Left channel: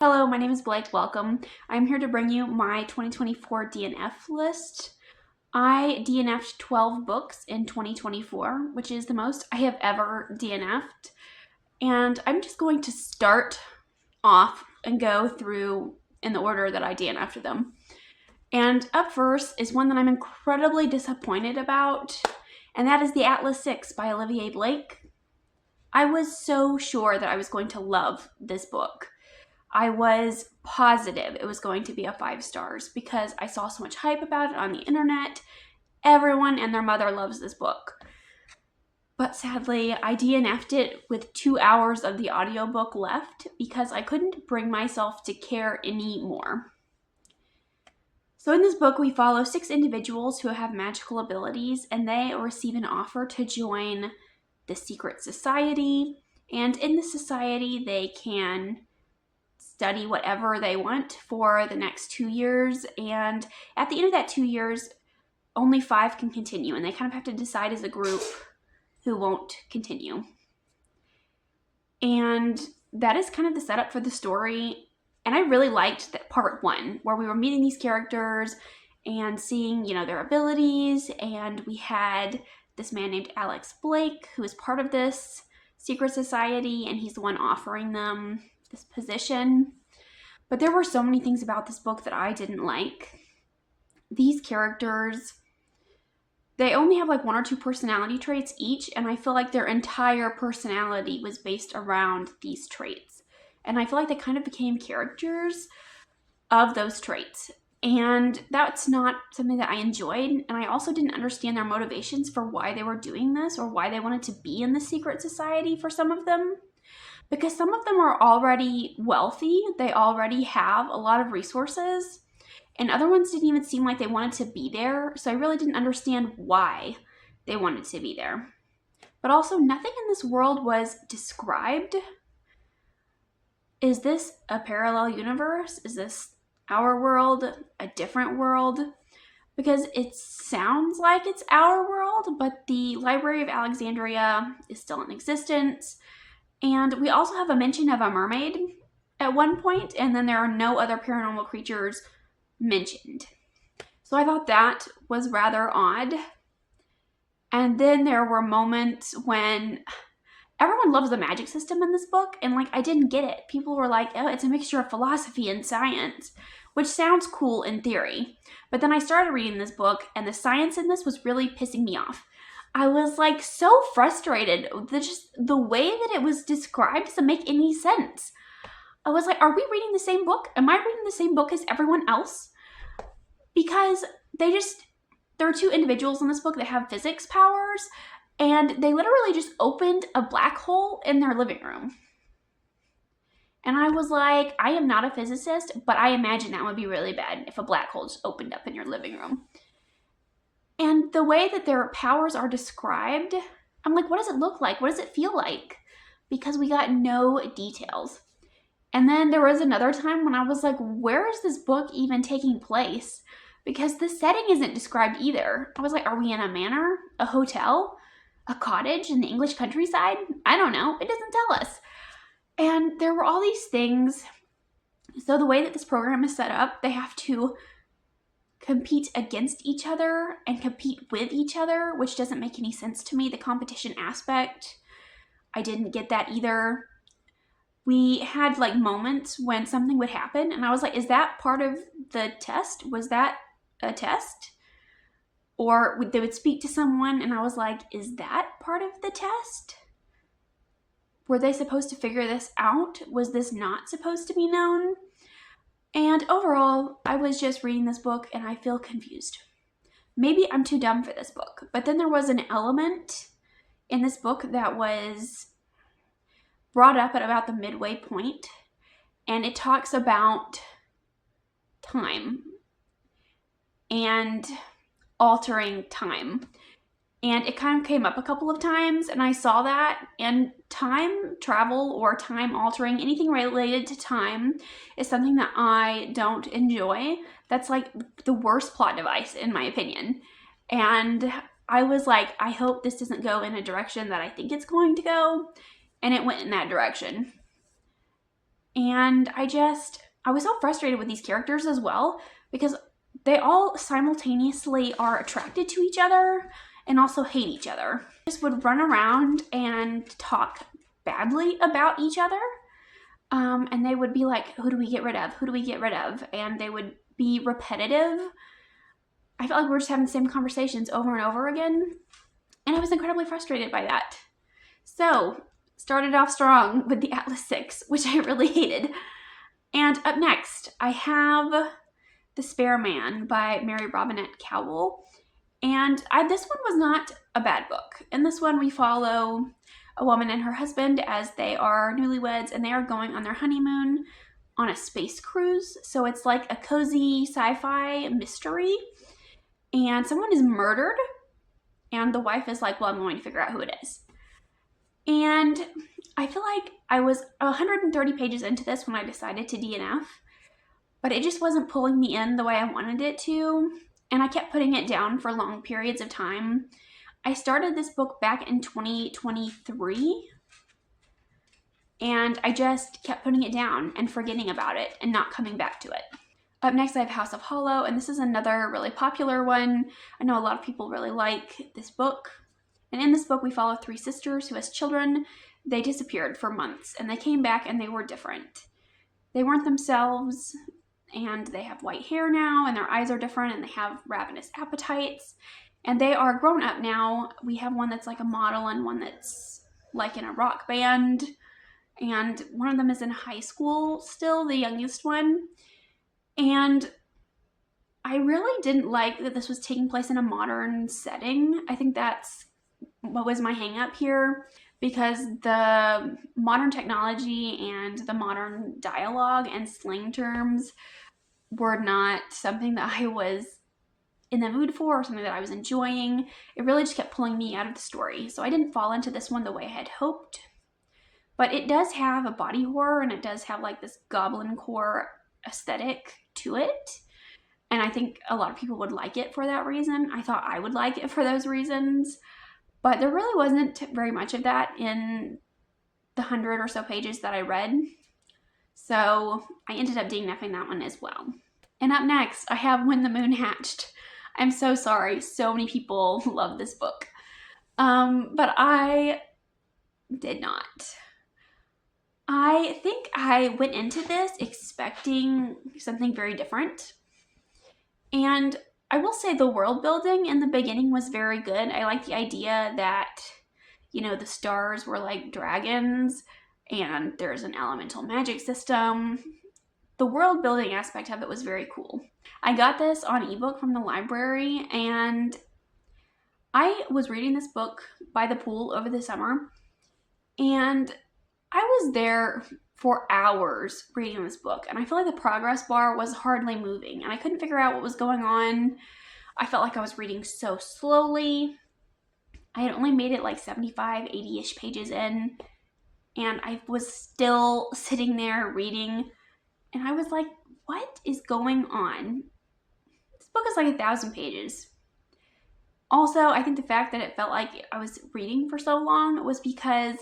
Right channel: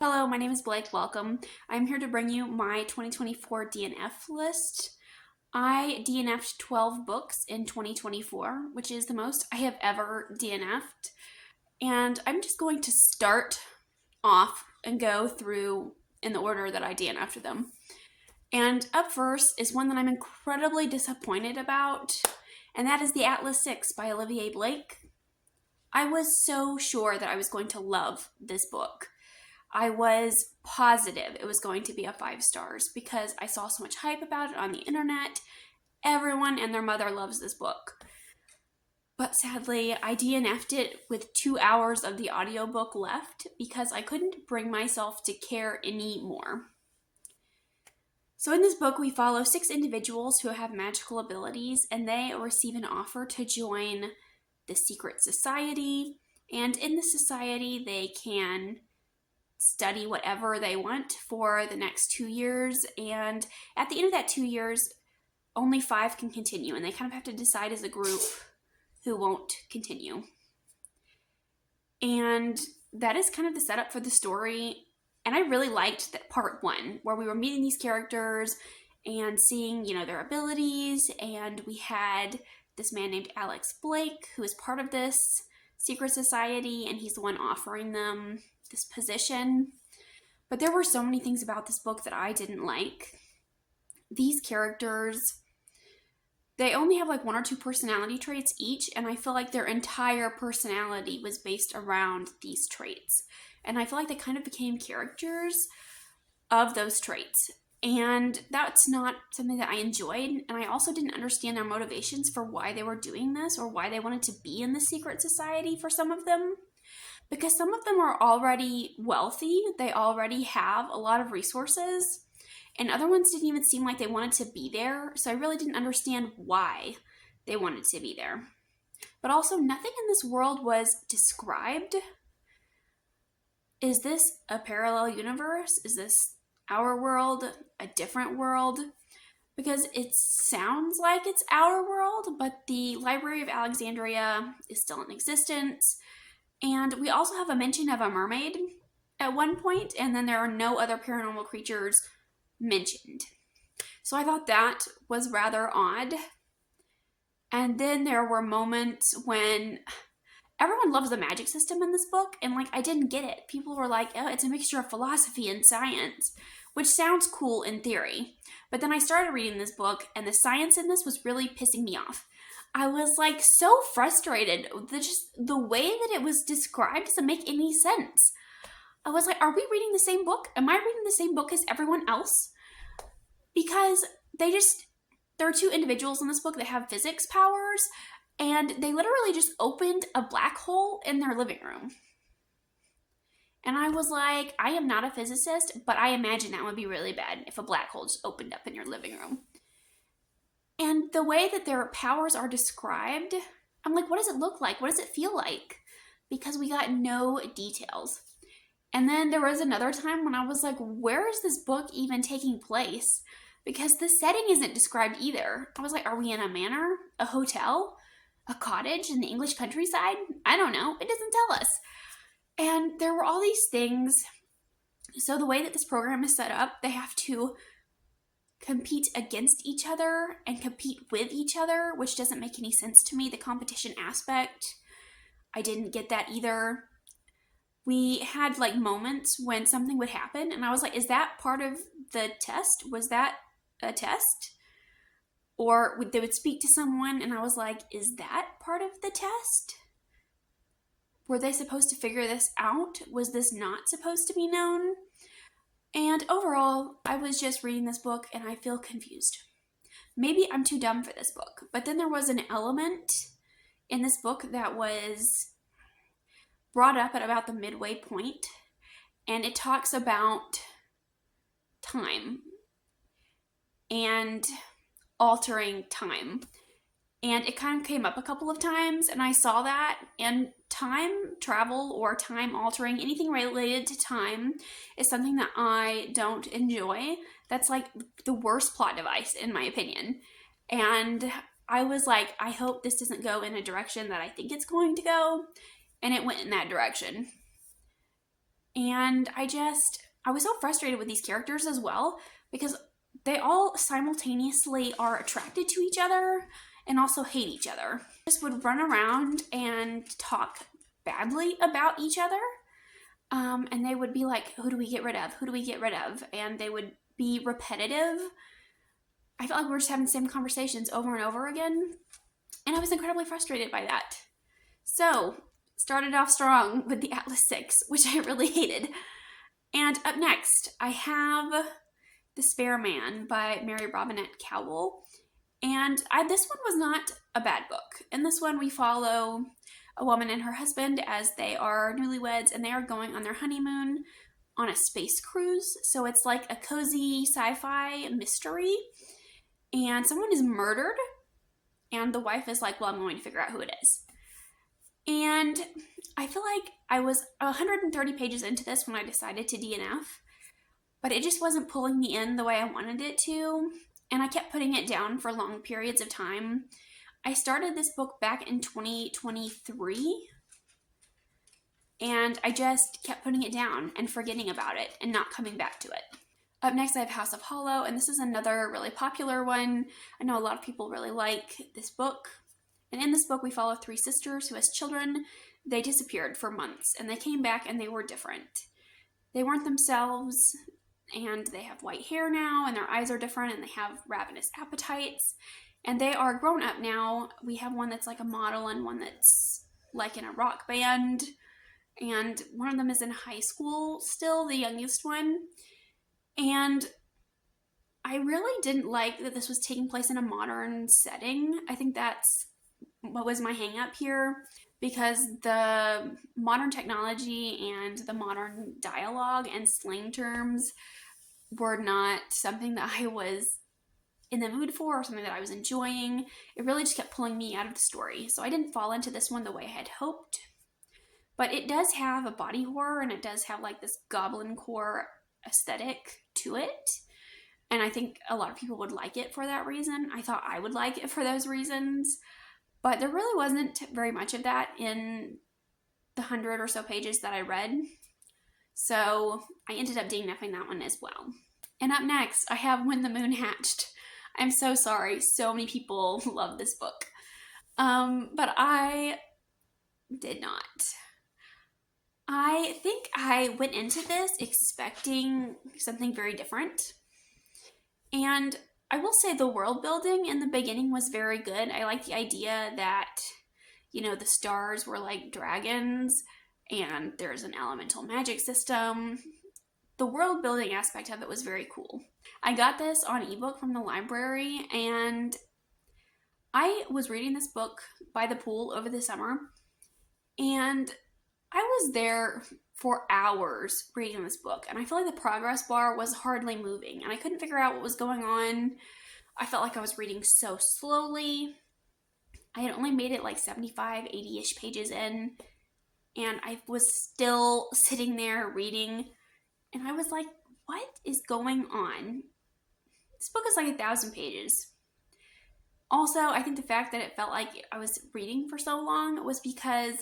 Hello, my name is Blake. Welcome. I'm here to bring you my 2024 DNF list. I DNF'd 12 books in 2024, which is the most I have ever DNF'd. And I'm just going to start off and go through in the order that I DNF'd them. And up first is one that I'm incredibly disappointed about, and that is The Atlas 6 by Olivia Blake. I was so sure that I was going to love this book. I was positive it was going to be a 5 stars because I saw so much hype about it on the internet. Everyone and their mother loves this book. But sadly, I DNF'd it with 2 hours of the audiobook left because I couldn't bring myself to care anymore. So in this book, we follow 6 individuals who have magical abilities, and they receive an offer to join the secret society. And in the society, they can study whatever they want for the next 2 years, and at the end of that 2 years only 5 can continue, and they kind of have to decide as a group who won't continue. And that is kind of the setup for the story, and I really liked that part 1 where we were meeting these characters and seeing their abilities, and we had this man named Alex Blake who is part of this secret society, and he's the one offering them this position. But there were so many things about this book that I didn't like. These characters, they only have like 1 or 2 personality traits each, and I feel like their entire personality was based around these traits. And I feel like they kind of became characters of those traits. And that's not something that I enjoyed. And I also didn't understand their motivations for why they were doing this or why they wanted to be in the secret society for some of them. Because some of them are already wealthy, they already have a lot of resources, and other ones didn't even seem like they wanted to be there, so I really didn't understand why they wanted to be there. But also, nothing in this world was described. Is this a parallel universe? Is this our world, a different world? Because it sounds like it's our world, but the Library of Alexandria is still in existence. And we also have a mention of a mermaid at one point, and then there are no other paranormal creatures mentioned. So I thought that was rather odd. And then there were moments when everyone loves the magic system in this book, and I didn't get it. People were like, oh, it's a mixture of philosophy and science, which sounds cool in theory. But then I started reading this book, and the science in this was really pissing me off. I was so frustrated. Just the way that it was described doesn't make any sense. I was like, are we reading the same book? Am I reading the same book as everyone else? Because there are 2 individuals in this book that have physics powers, and they literally just opened a black hole in their living room. And I was like, I am not a physicist, but I imagine that would be really bad if a black hole just opened up in your living room. And the way that their powers are described, I'm like, what does it look like? What does it feel like? Because we got no details. And then there was another time when I was like, where is this book even taking place? Because the setting isn't described either. I was like, are we in a manor? A hotel? A cottage in the English countryside? I don't know. It doesn't tell us. And there were all these things. So the way that this program is set up, they have to compete against each other and compete with each other, which doesn't make any sense to me. The competition aspect, I didn't get that either. We had moments when something would happen, and I was like, is that part of the test? Was that a test? Or they would speak to someone, and I was like, is that part of the test? Were they supposed to figure this out? Was this not supposed to be known? And overall, I was just reading this book and I feel confused. Maybe I'm too dumb for this book, but then there was an element in this book that was brought up at about the midway point, and it talks about time and altering time. And it kind of came up a couple of times, and I saw that, and time travel or time altering, anything related to time, is something that I don't enjoy. That's the worst plot device, in my opinion. And I was like, I hope this doesn't go in a direction that I think it's going to go. And it went in that direction. And I was so frustrated with these characters as well, because they all simultaneously are attracted to each other and also hate each other. Just would run around and talk badly about each other. And they would be like, who do we get rid of? Who do we get rid of? And they would be repetitive. I felt like we were just having the same conversations over and over again. And I was incredibly frustrated by that. So, started off strong with the Atlas 6, which I really hated. And up next, I have The Spare Man by Mary Robinette Kowal. And this one was not a bad book. In this one, we follow a woman and her husband as they are newlyweds, and they are going on their honeymoon on a space cruise. So it's like a cozy sci-fi mystery. And someone is murdered, and the wife is like, well, I'm going to figure out who it is. And I feel like I was 130 pages into this when I decided to DNF, but it just wasn't pulling me in the way I wanted it to, and I kept putting it down for long periods of time. I started this book back in 2023, and I just kept putting it down and forgetting about it and not coming back to it. Up next, I have House of Hollow, and this is another really popular one. I know a lot of people really like this book. And in this book, we follow three sisters who, as children, they disappeared for months, and they came back and they were different. They weren't themselves, and they have white hair now, and their eyes are different, and they have ravenous appetites, and they are grown up now. We have one that's like a model and one that's like in a rock band, and one of them is in high school still, the youngest one. And I really didn't like that this was taking place in a modern setting. I think that's what was my hang up here, because the modern technology and the modern dialogue and slang terms were not something that I was in the mood for or something that I was enjoying. It really just kept pulling me out of the story. So I didn't fall into this one the way I had hoped. But it does have a body horror, and it does have like this goblin core aesthetic to it. And I think a lot of people would like it for that reason. I thought I would like it for those reasons. But there really wasn't very much of that in the 100 or so pages that I read. So I ended up DNFing that one as well. And up next, I have When the Moon Hatched. I'm so sorry. So many people love this book. But I did not. I think I went into this expecting something very different. And I will say the world building in the beginning was very good. I like the idea that, the stars were like dragons and there's an elemental magic system. The world building aspect of it was very cool. I got this on ebook from the library, and I was reading this book by the pool over the summer, and I was there for hours reading this book, and I feel like the progress bar was hardly moving, and I couldn't figure out what was going on. I felt like I was reading so slowly. I had only made it like 75, 80-ish pages in, and I was still sitting there reading, and I was like, what is going on? This book is like 1,000 pages. Also, I think the fact that it felt like I was reading for so long was because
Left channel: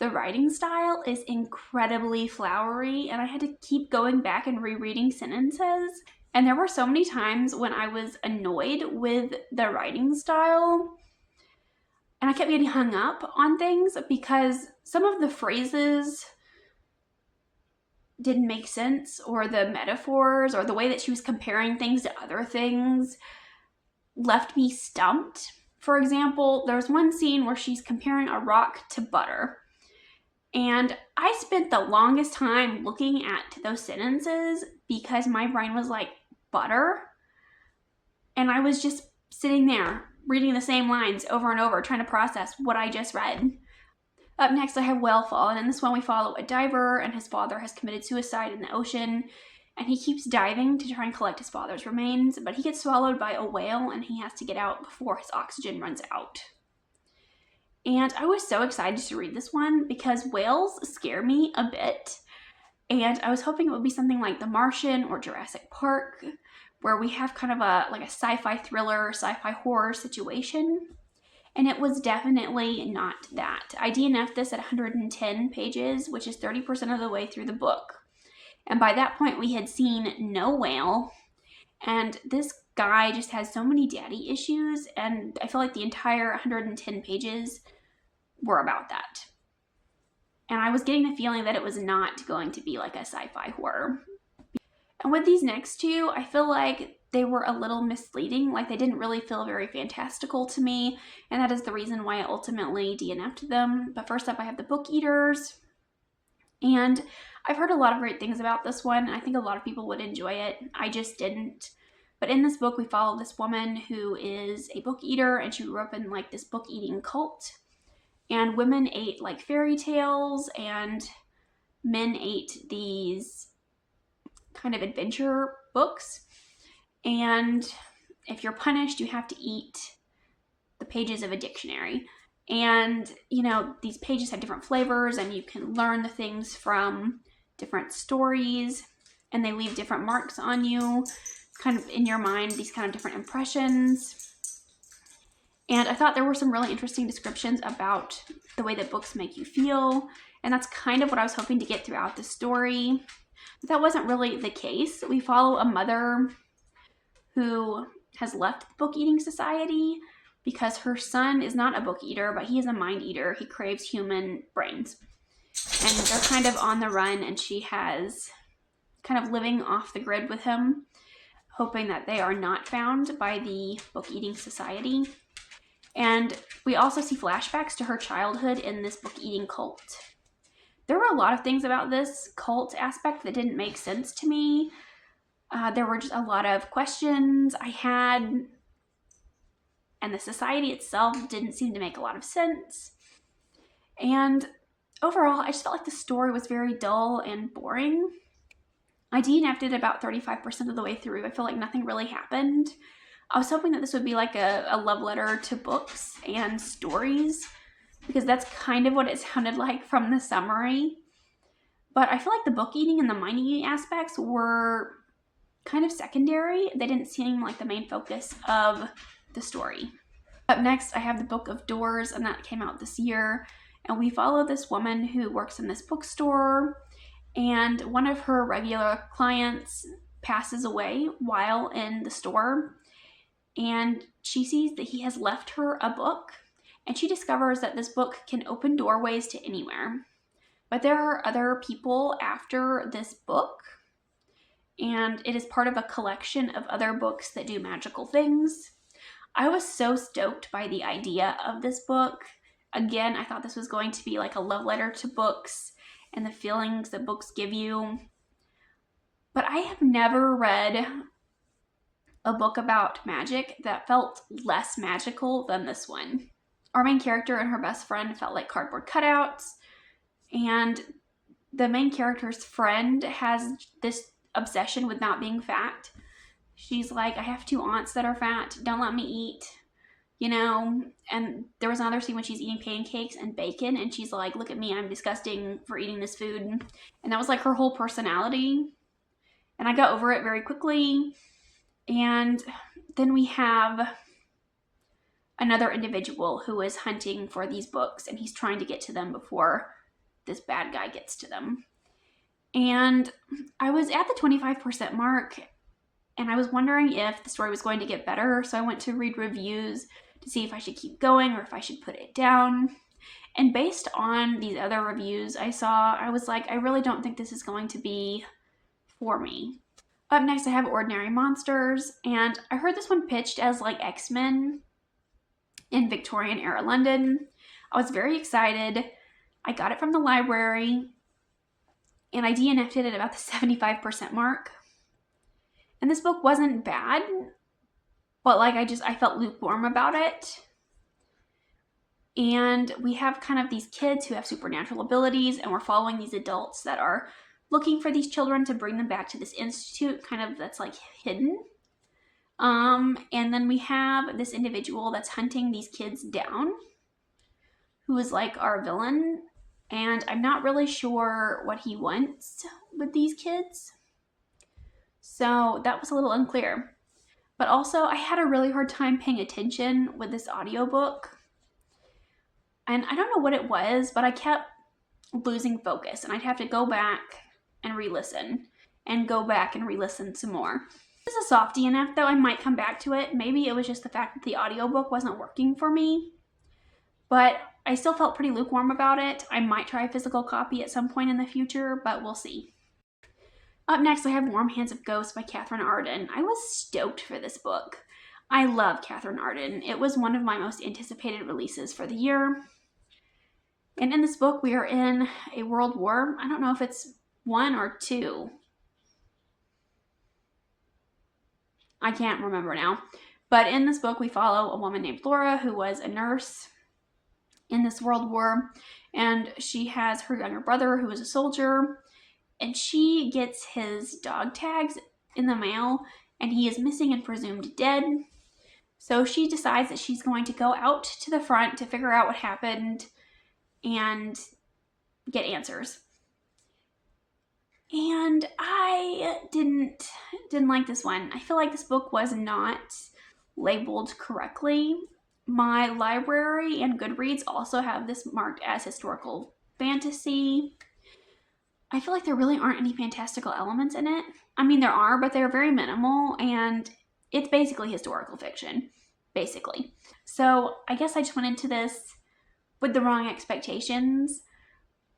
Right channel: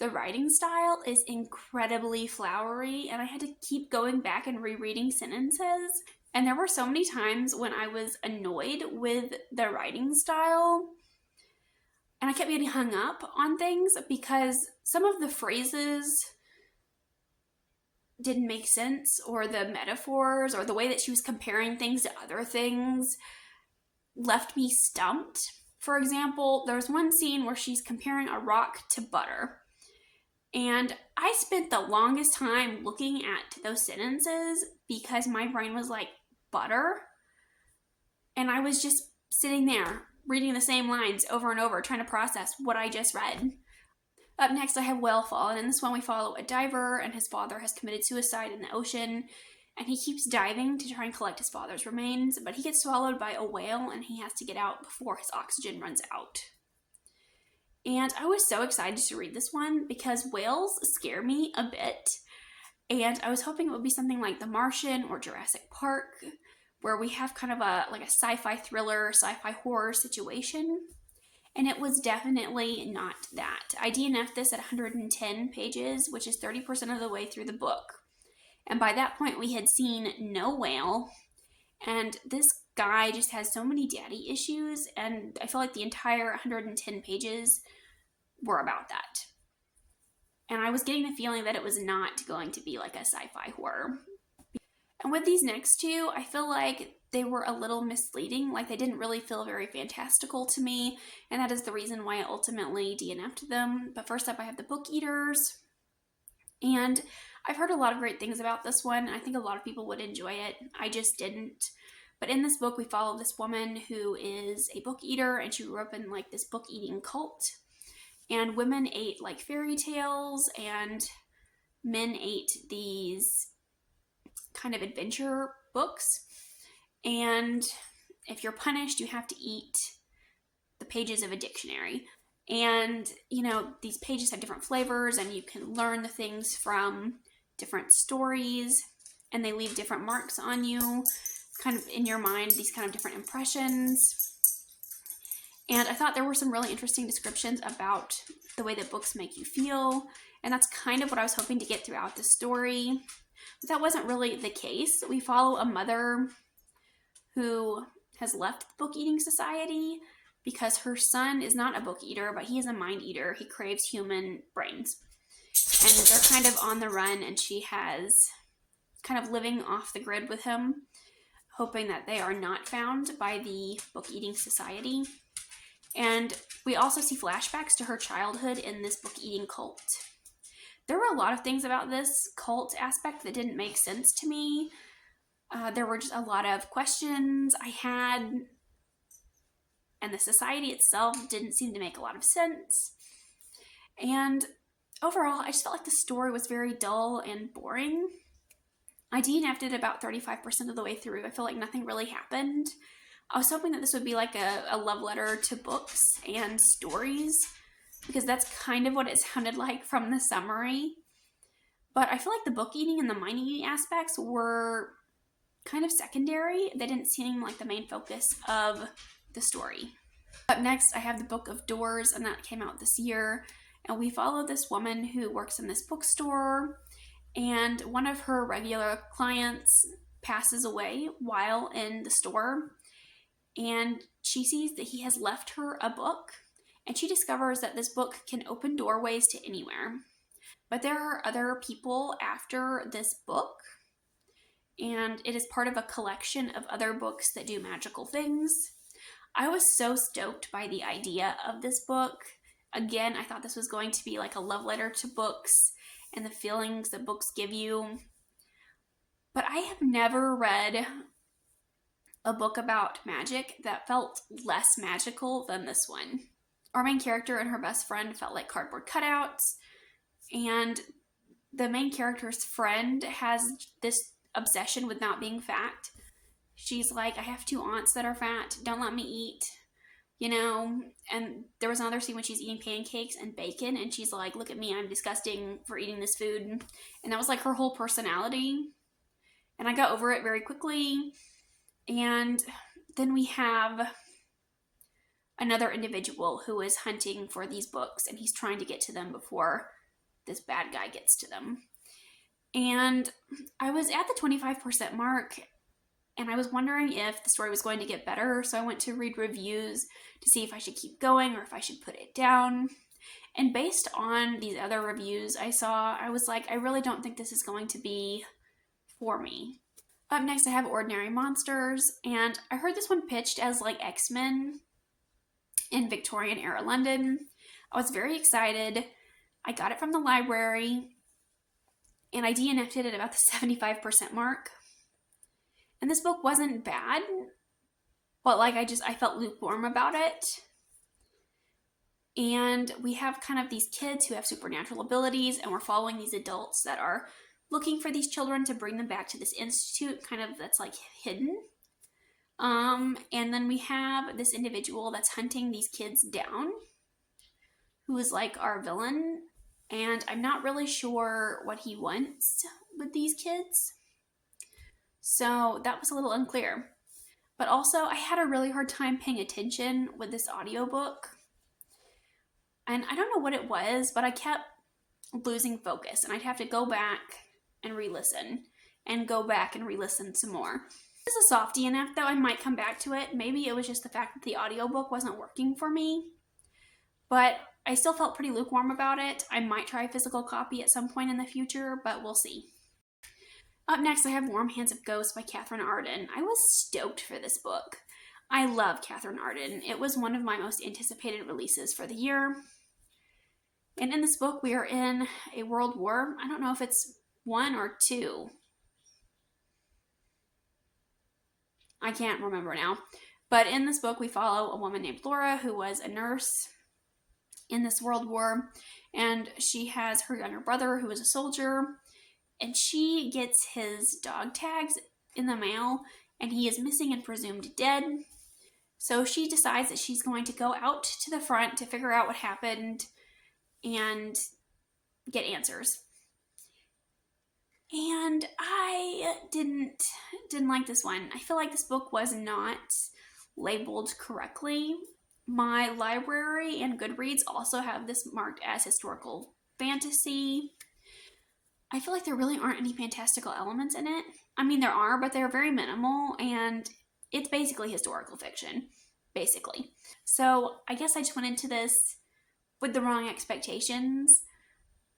the writing style is incredibly flowery, and I had to keep going back and rereading sentences. And there were so many times when I was annoyed with the writing style, and I kept getting hung up on things because some of the phrases didn't make sense, or the metaphors, or the way that she was comparing things to other things left me stumped. For example, there's one scene where she's comparing a rock to butter. And I spent the longest time looking at those sentences because my brain was like, butter? And I was just sitting there reading the same lines over and over, trying to process what I just read. Up next, I have Whalefall, and in this one we follow a diver, and his father has committed suicide in the ocean, and he keeps diving to try and collect his father's remains, but he gets swallowed by a whale, and he has to get out before his oxygen runs out. And I was so excited to read this one because whales scare me a bit. And I was hoping it would be something like The Martian or Jurassic Park, where we have kind of a sci-fi thriller, sci-fi horror situation. And it was definitely not that. I DNF'd this at 110 pages, which is 30% of the way through the book. And by that point, we had seen no whale. And this guy just has so many daddy issues. And I feel like the entire 110 pages were about that. And I was getting the feeling that it was not going to be like a sci-fi horror. And with these next two, I feel like they were a little misleading. Like they didn't really feel very fantastical to me. And that is the reason why I ultimately DNF'd them. But first up, I have the Book Eaters. And I've heard a lot of great things about this one. I think a lot of people would enjoy it. I just didn't. But in this book, we follow this woman who is a book eater, and she grew up in like this book eating cult. And women ate like fairy tales, and men ate these kind of adventure books. And if you're punished, you have to eat the pages of a dictionary. And, you know, these pages have different flavors, and you can learn the things from different stories, and they leave different marks on you, kind of in your mind, these kind of different impressions. And I thought there were some really interesting descriptions about the way that books make you feel, and that's kind of what I was hoping to get throughout the story. But that wasn't really the case. We follow a mother who has left the book eating society because her son is not a book eater, but he is a mind eater. He craves human brains. And they're kind of on the run, and she has kind of living off the grid with him, hoping that they are not found by the book eating society. And we also see flashbacks to her childhood in this book eating cult. There were a lot of things about this cult aspect that didn't make sense to me. There were just a lot of questions I had, and the society itself didn't seem to make a lot of sense. And overall, I just felt like the story was very dull and boring. I DNF'd it about 35% of the way through. I feel like nothing really happened. I was hoping that this would be like a love letter to books and stories, because that's kind of what it sounded like from the summary. But I feel like the book eating and the mind eating aspects were kind of secondary. They didn't seem like the main focus of the story. Up next, I have the Book of Doors, and that came out this year. And we follow this woman who works in this bookstore, and one of her regular clients passes away while in the store. And she sees that he has left her a book, and she discovers that this book can open doorways to anywhere. But there are other people after this book, and it is part of a collection of other books that do magical things. I was so stoked by the idea of this book. Again, I thought this was going to be like a love letter to books and the feelings that books give you. But I have never read a book about magic that felt less magical than this one. Our main character and her best friend felt like cardboard cutouts, and the main character's friend has this obsession with not being fat. She's like, I have 2 aunts that are fat, don't let me eat, you know. And there was another scene when she's eating pancakes and bacon, and she's like, look at me, I'm disgusting for eating this food. And that was like her whole personality, and I got over it very quickly. And then we have another individual who is hunting for these books, and he's trying to get to them before this bad guy gets to them. And I was at the 25% mark, and I was wondering if the story was going to get better, so I went to read reviews to see if I should keep going or if I should put it down. And based on these other reviews I saw, I was like, I really don't think this is going to be for me. Up next, I have Ordinary Monsters, and I heard this one pitched as like X-Men in Victorian era London. I was very excited. I got it from the library, and I DNF'd it at about the 75% mark. And this book wasn't bad, but like I felt lukewarm about it. And we have kind of these kids who have supernatural abilities, and we're following these adults that are looking for these children to bring them back to this institute, kind of that's like hidden. And then we have this individual that's hunting these kids down, who is like our villain, and I'm not really sure what he wants with these kids. So that was a little unclear. But also, I had a really hard time paying attention with this audiobook. And I don't know what it was, but I kept losing focus, and I'd have to go back and re-listen. and go back and re-listen some more. This is a soft DNF though. I might come back to it. Maybe it was just the fact that the audiobook wasn't working for me, but I still felt pretty lukewarm about it. I might try a physical copy at some point in the future, but we'll see. Up next, I have Warm Hands of Ghosts by Katherine Arden. I was stoked for this book. I love Katherine Arden. It was one of my most anticipated releases for the year. And in this book, we are in a world war. I don't know if it's 1 or 2. I can't remember now. But in this book, we follow a woman named Laura who was a nurse in this world war. And she has her younger brother who was a soldier. And she gets his dog tags in the mail. And he is missing and presumed dead. So she decides that she's going to go out to the front to figure out what happened and get answers. And I didn't like this one. I feel like this book was not labeled correctly. My library and Goodreads also have this marked as historical fantasy. I feel like there really aren't any fantastical elements in it. I mean, there are, but they're very minimal, and it's basically historical fiction, basically. So I guess I just went into this with the wrong expectations,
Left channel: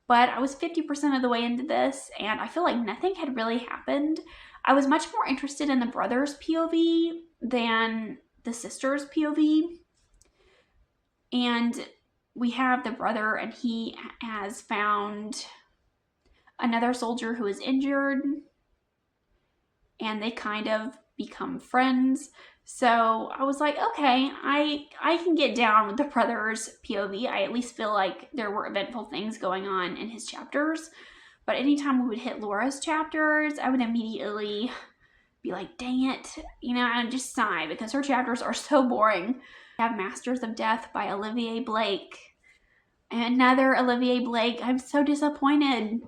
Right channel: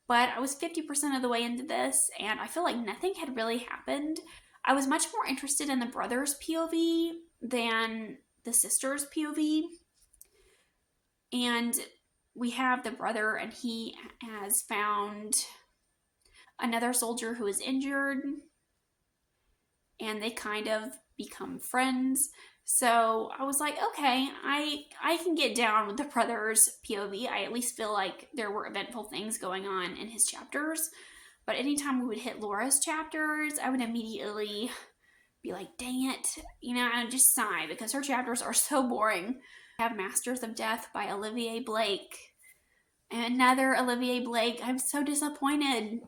but I was 50% of the way into this, and I feel like nothing had really happened. I was much more interested in the brother's POV than the sister's POV, and we have the brother, and he has found another soldier who is injured, and they kind of become friends. So I was like, okay, I can get down with the brother's POV. I at least feel like there were eventful things going on in his chapters. But anytime we would hit Laura's chapters, I would immediately be like, dang it, and just sigh because her chapters are so boring. I have Masters of Death by Olivia Blake. Another Olivia Blake. I'm so disappointed.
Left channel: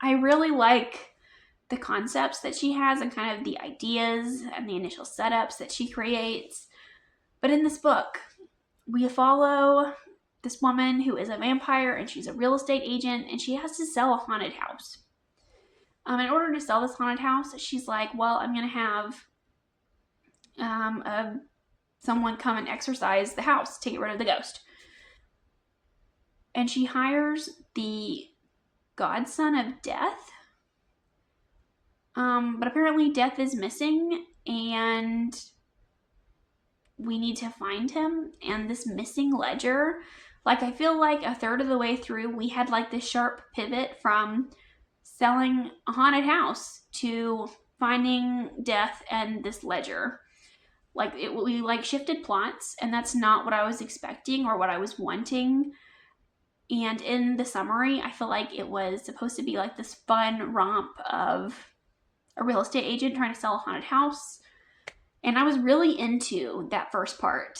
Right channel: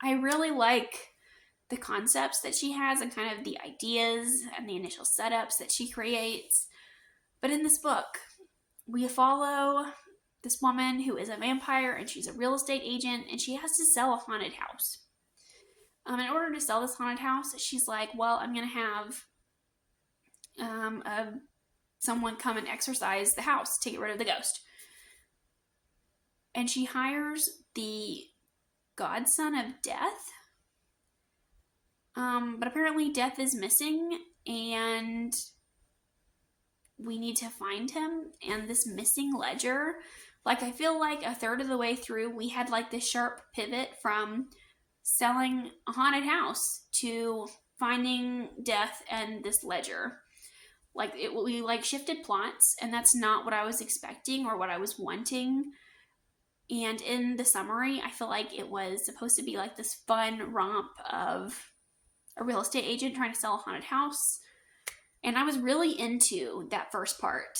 I really like the concepts that she has and kind of the ideas and the initial setups that she creates. But in this book, we follow this woman who is a vampire and she's a real estate agent and she has to sell a haunted house. In order to sell this haunted house, she's like, well, I'm going to have someone come and exorcise the house to get rid of the ghost. And she hires the godson of Death. But apparently Death is missing and we need to find him. And this missing ledger, like I feel like a third of the way through, we had like this sharp pivot from selling a haunted house to finding Death and this ledger. Like we like shifted plots, and that's not what I was expecting or what I was wanting. And in the summary, I feel like it was supposed to be like this fun romp of a real estate agent trying to sell a haunted house. And I was really into that first part.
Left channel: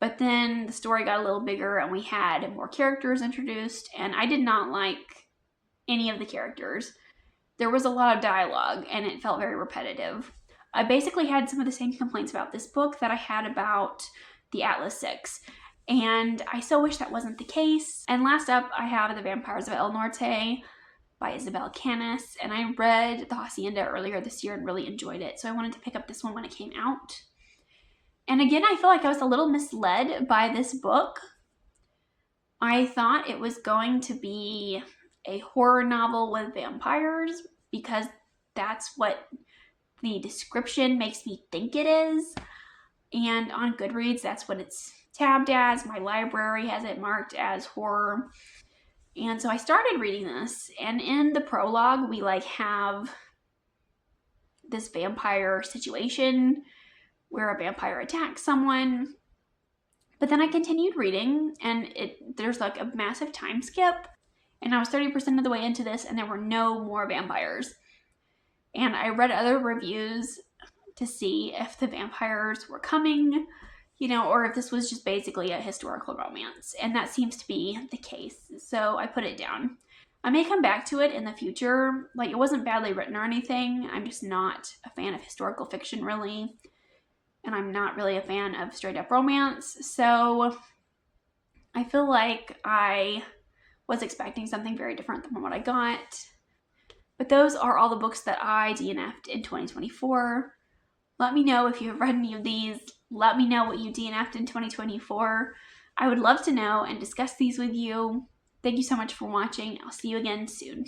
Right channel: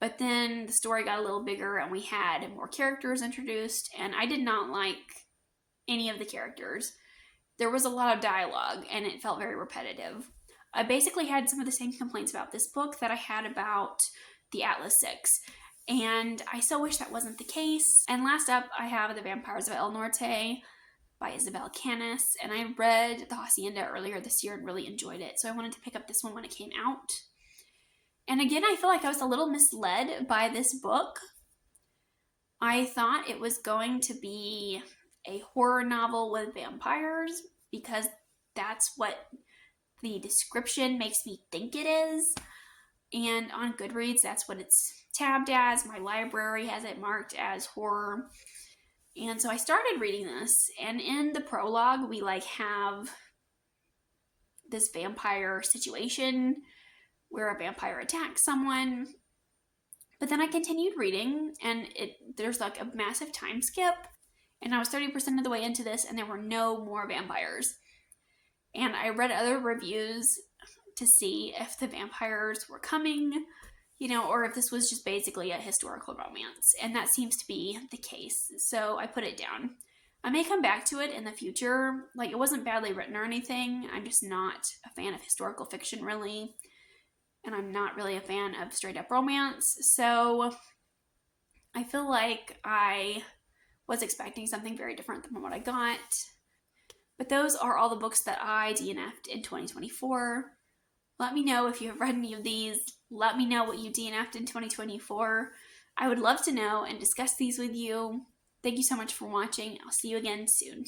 But then the story got a little bigger and we had more characters introduced, and I did not like any of the characters. There was a lot of dialogue and it felt very repetitive. I basically had some of the same complaints about this book that I had about the Atlas 6. And I so wish that wasn't the case. And last up, I have The Vampires of El Norte by Isabel Canis, and I read The Hacienda earlier this year and really enjoyed it, so I wanted to pick up this one when it came out. And again, I feel like I was a little misled by this book. I thought it was going to be a horror novel with vampires because that's what the description makes me think it is. And on Goodreads, that's what it's tabbed as. My library has it marked as horror. And so I started reading this, and in the prologue, we like this vampire situation where a vampire attacks someone. But then I continued reading, and there's like a massive time skip, and I was 30% of the way into this, and there were no more vampires. And I read other reviews to see if the vampires were coming, or if this was just basically a historical romance. And that seems to be the case. So I put it down. I may come back to it in the future. Like, it wasn't badly written or anything. I'm just not a fan of historical fiction, really. And I'm not really a fan of straight up romance. So I feel like I was expecting something very different than what I got. But those are all the books that I DNF'd in 2024. Let me know if you've read any of these. Let me know what you DNF'd in 2024. I would love to know and discuss these with you. Thank you so much for watching. I'll see you again soon.